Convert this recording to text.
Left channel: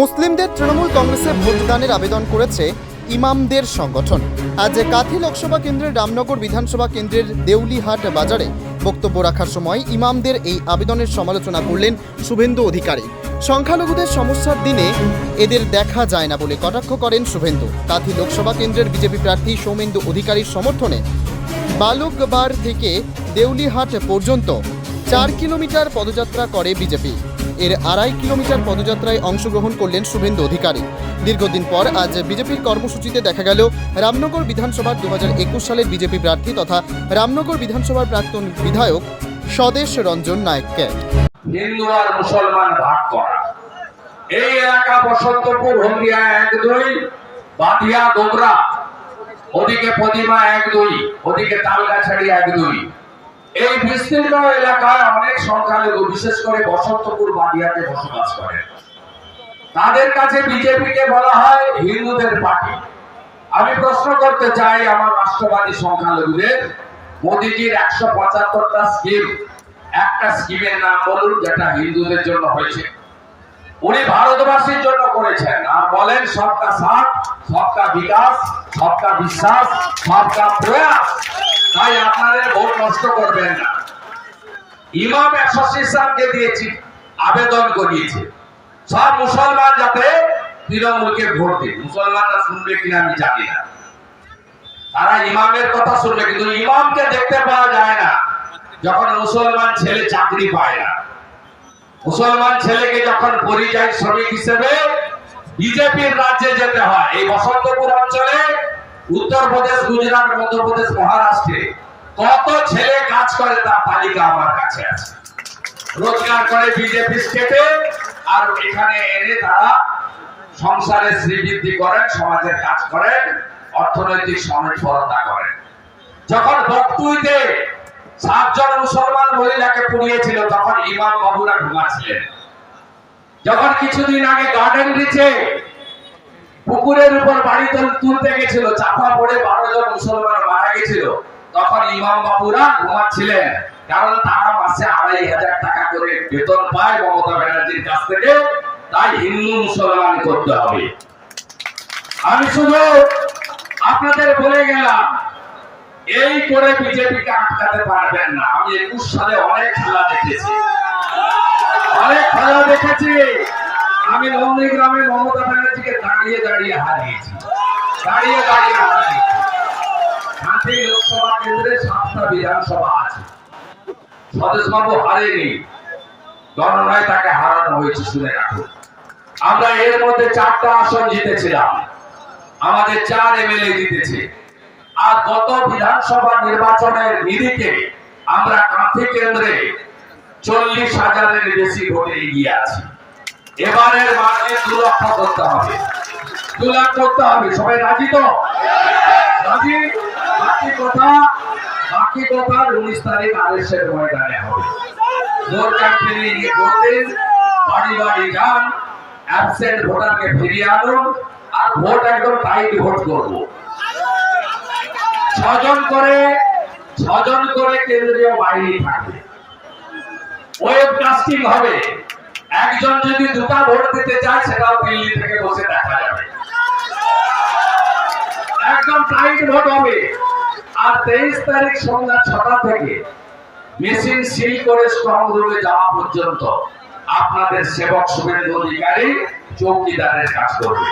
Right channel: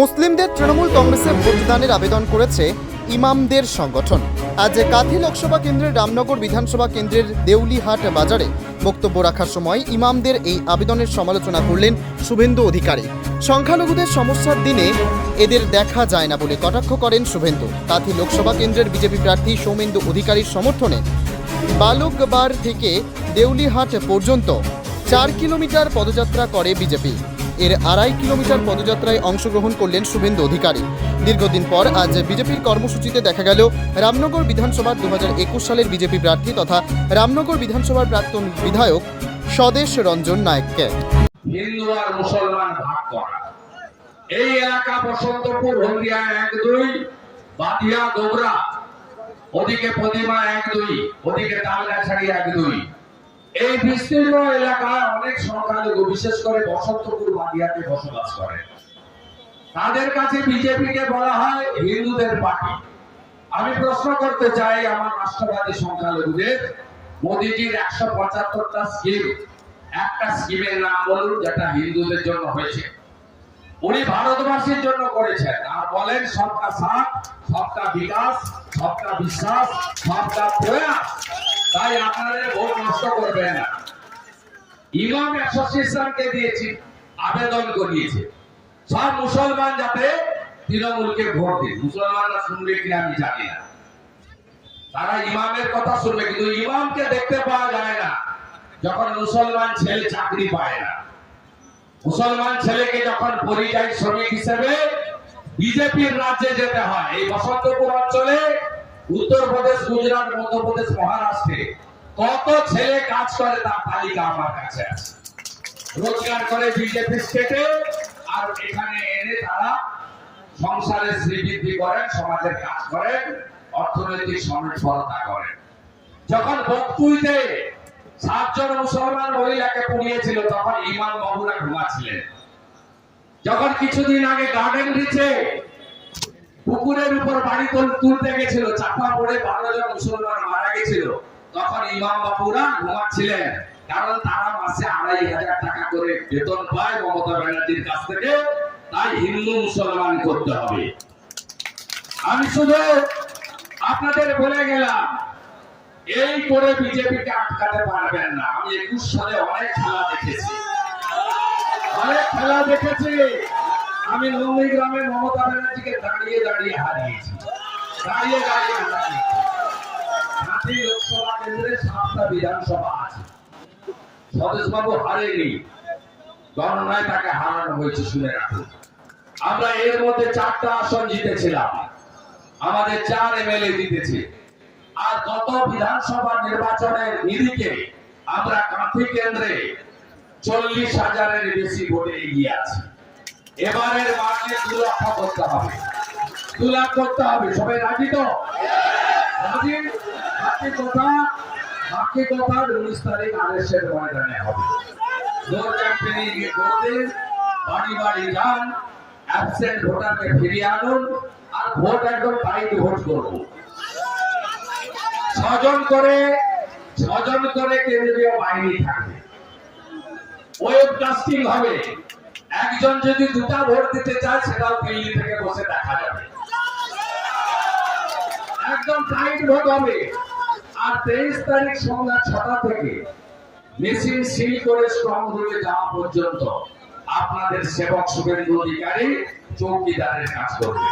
মুসলিমদের তৃণমূল কংগ্রেসে ভোটদানের আবেদন করেছে ইমামদের সংগঠন। আজ কাথি লোকসভা কেন্দ্রের রামনগর বিধানসভা কেন্দ্রের দেউলিহাট বাজারে বক্তব্য রাখার সময় ইমামদের এই আবেদনের সমালোচনা করলেন শুভেন্দু অধিকারী। সংখ্যালঘুদের সমস্যার দিনে এদের দেখা যায় না বলে কটাক্ষ করেন শুভেন্দু। কাথি লোকসভা কেন্দ্রের বিজেপি প্রার্থী সৌমেন্দু অধিকারীর সমর্থনে বালুকবার থেকে দেউলিহাট পর্যন্ত চার কিলোমিটার পদযাত্রা করে বিজেপি। এর আড়াই কিলোমিটার পদযাত্রায় অংশগ্রহণ করলেন শুভেন্দু অধিকারী। দীর্ঘদিন পর আজ বিজেপির কর্মসূচিতে দেখা গেল রামনগর বিধানসভার দুহাজার একুশ সালের বিজেপি প্রার্থী তথা রামনগর বিধানসভার প্রাক্তন বিধায়ক স্বদেশ রঞ্জন নায়ককে। হিন্দু আর মুসলমান ভাগ করা। এই এলাকা বসন্তপুর এক দুই গোবরা ওদিকে পদিমা এক দুই, ওদিকে তালগাছাড়ি এক দুই। এই বিস্তীর্ণ এলাকায় অনেক সংখ্যালঘু বিশেষ করে বসন্তপুর বাদিয়াতে বসবাস করে। তাদের কাছে বিজেপিকে বলা হয় হিন্দুদের পার্টি। আমি প্রশ্ন করতে চাই আমার রাষ্ট্রবাদী সংখ্যালঘুদের, মোদিজির একশো পঁচাত্তরটা স্কিম একটা স্কিমের নাম বলুন, যেটা হিন্দুদের জন্য হয়েছে। উনি ভারতবাসীর জন্য করেছেন। আর বলেন সবকা সাথ, সবকা বিকাশ, সবকা বিশ্বাস, সবকা প্রয়াস। তাই আপনাদের ভোট নষ্ট করবেন না। ইমাম অ্যাসোসিয়েশনকে দিয়েছি, আবেদন করিয়েছে। সব মুসলমান যাতে তৃণমূলকে ভোট দিন মুসলমানরা শুনবে কিনা আমি জানি না। তারা ইমামের কথা শুনবে, কিন্তু ইমামকে দেখতে পাওয়া যায় না, যখন মুসলমান ছেলে চাকরি পায় না। মুসলমান ছেলেকে যখন পরিযায়ী শ্রমিক হিসেবে বিজেপির রাজ্যে যেতে হয়, এই বসন্তপুর অঞ্চলে উত্তরপ্রদেশ গুজরাট মধ্যপ্রদেশ মহারাষ্ট্রে কত ছেলে কাজ করে তার তালিকা আমার কাছে আছে। রোজগার করে বিজেপি স্টেটে আর এখানে এনে তারা সংসারে শ্রীবৃদ্ধি করেন, সমাজের কাজ করেন, অর্থনৈতিক সমেতপরতা করেন। যখন বক্তুইতে সাতজন মুসলমান মহিলাকে পুড়িয়েছিল, তখন ইমাম বাবুরা ঘুমাচ্ছিলেন। যখন কিছুদিন আগে গার্ডেন রিচে পুকুরের উপর বাড়ি তুল- তুলতে গেছিল, চাপা পড়ে বারো জন মুসলমান মারা গেছিল, তখন ইমাম বাবুরা ঘুমাচ্ছিলেন। কারণ তারা মাসে আড়াই হাজার টাকা করে বেতন পায় মমতা ব্যানার্জির কাছ থেকে, তাই হিন্দু মুসলমান করতে হবে। আমি শুধু আপনাদের বলে গেলাম এই করে বিজেপিকে আটকাতে পারবেন না। আমি একুশ সালে অনেক খেলা দেখেছি। অনেক খেলা দেখেছি। আমি নন্দীগ্রামে মমতা ব্যানার্জিকে দাঁড়িয়ে দাঁড়িয়ে হারিয়েছি। দাঁড়িয়ে দাঁড়িয়ে হারিয়েছি। হাতি লোকসভা কেন্দ্রে সাতটা বিধানসভা আছে। স্বদেশবাবু হারেনি। গণনায় তাকে হারানো হয়েছে, শুনে রাখুন আমরা এর মধ্যে চারটা আসন জিতেছিলাম। আমাদের চার এমএলএ জিতেছে। আর গত বিধানসভা নির্বাচনের নিরিখে আমরা কাঁথি কেন্দ্রে চল্লিশ হাজারের বেশি ভোটে এগিয়ে আছি। এবারের মানে দু লক্ষ করতে হবে। দু লাখ করতে হবে। সবাই রাজি তো? রাজি? বাকি কথা বাকি কথা উনিশ তারিখ আদেশের ময়দানে হবে। ভোট গিয়ে বাড়ি বাড়ি যান অ্যাবসেন্ট ভোটারকে ফিরিয়ে আনুন, আর ভোট একদম টাইট ভোট করব। ছজন করে ছজন করে কেন্দ্রীয় বাহিনী থাকবে ওয়েবকাস্টিং হবে একজন যদি দুটা ভোট দিতে চায়, সেটাও দিল্লি থেকে বসে দেখা যাবে। একদম টাইট ভোট হবে। আর তেইশ তারিখ সন্ধ্যা ছটা থেকে মেশিন সিল করে স্ট্রং রুমে যাওয়া পর্যন্ত আপনাদের সেবক শুভেন্দু অধিকারী চৌকিদারের কাজ করবে।